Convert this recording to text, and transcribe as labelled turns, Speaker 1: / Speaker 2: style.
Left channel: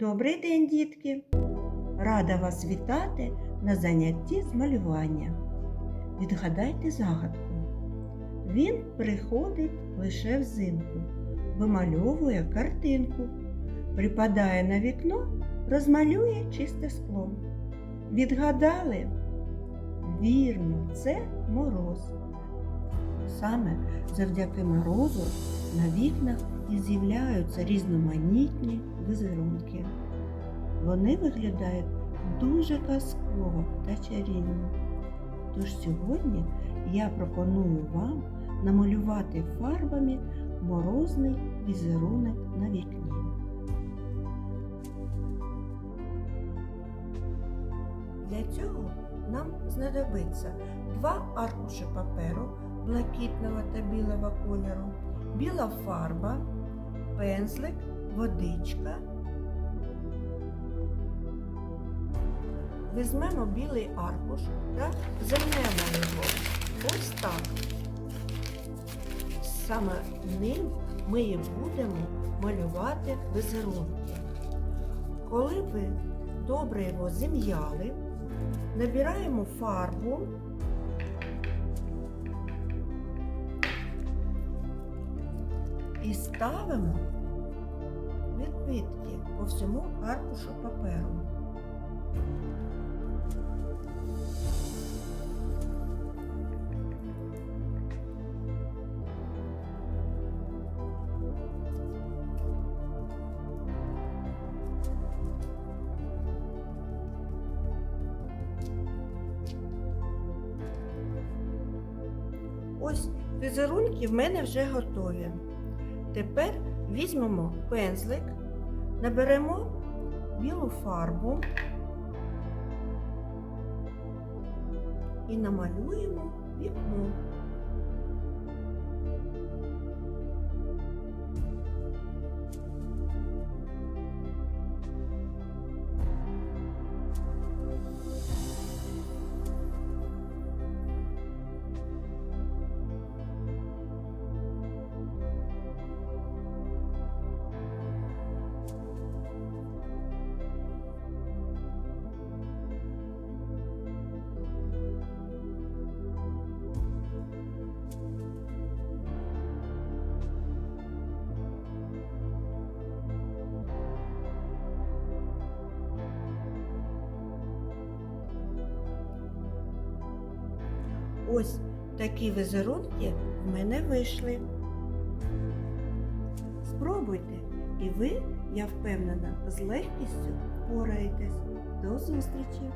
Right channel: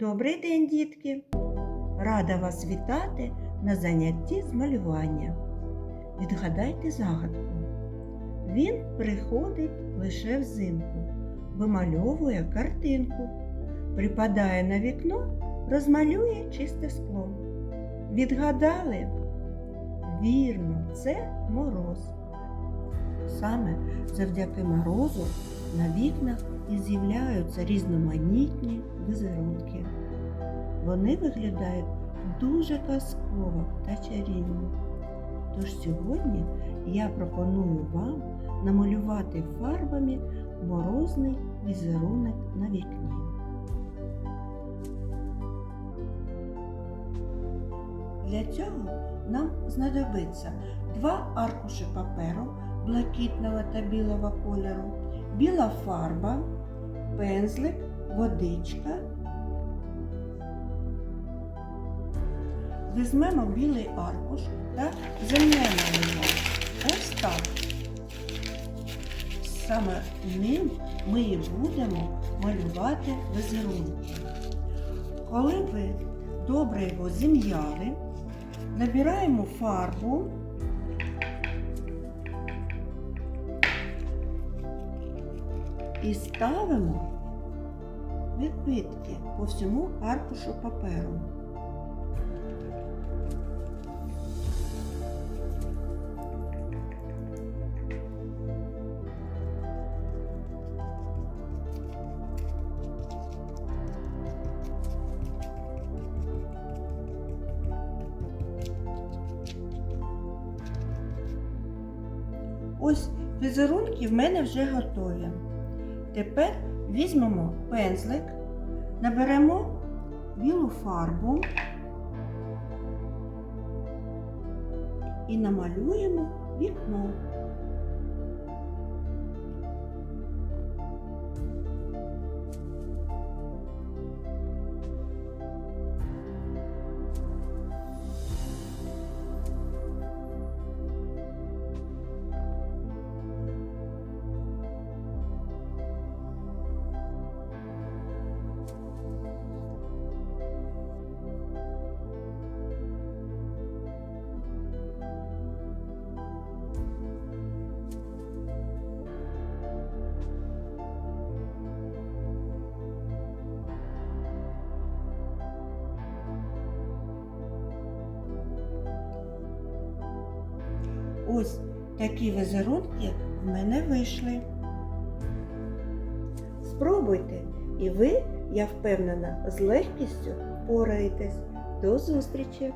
Speaker 1: Добрий день, дітки! Рада вас вітати на занятті з малювання. Відгадайте загадку. Він приходить лише взимку, вимальовує картинку, припадає на вікно, розмалює чисте скло. Відгадали? Вірно, це мороз. Саме завдяки морозу на вікнах і з'являються різноманітні візерунки. Вони виглядають дуже казково та чарівно. Тож сьогодні я пропоную вам намалювати фарбами морозний візерунок на вікні. Для цього нам знадобиться два аркуші паперу блакитного та білого кольору, біла фарба, пензлик, водичка. Візьмемо білий аркуш та замнемо його. Ось так. Саме ним ми і будемо малювати візерунки. Коли ви добре його зім'яли, набираємо фарбу і ставимо відбитки по всьому аркушу паперу. Ось візерунки в мене вже готові. Тепер візьмемо пензлик, наберемо білу фарбу і намалюємо вікно. Ось такі візерунки в мене вийшли. Спробуйте, і ви, я впевнена, з легкістю впораєтесь. До зустрічі!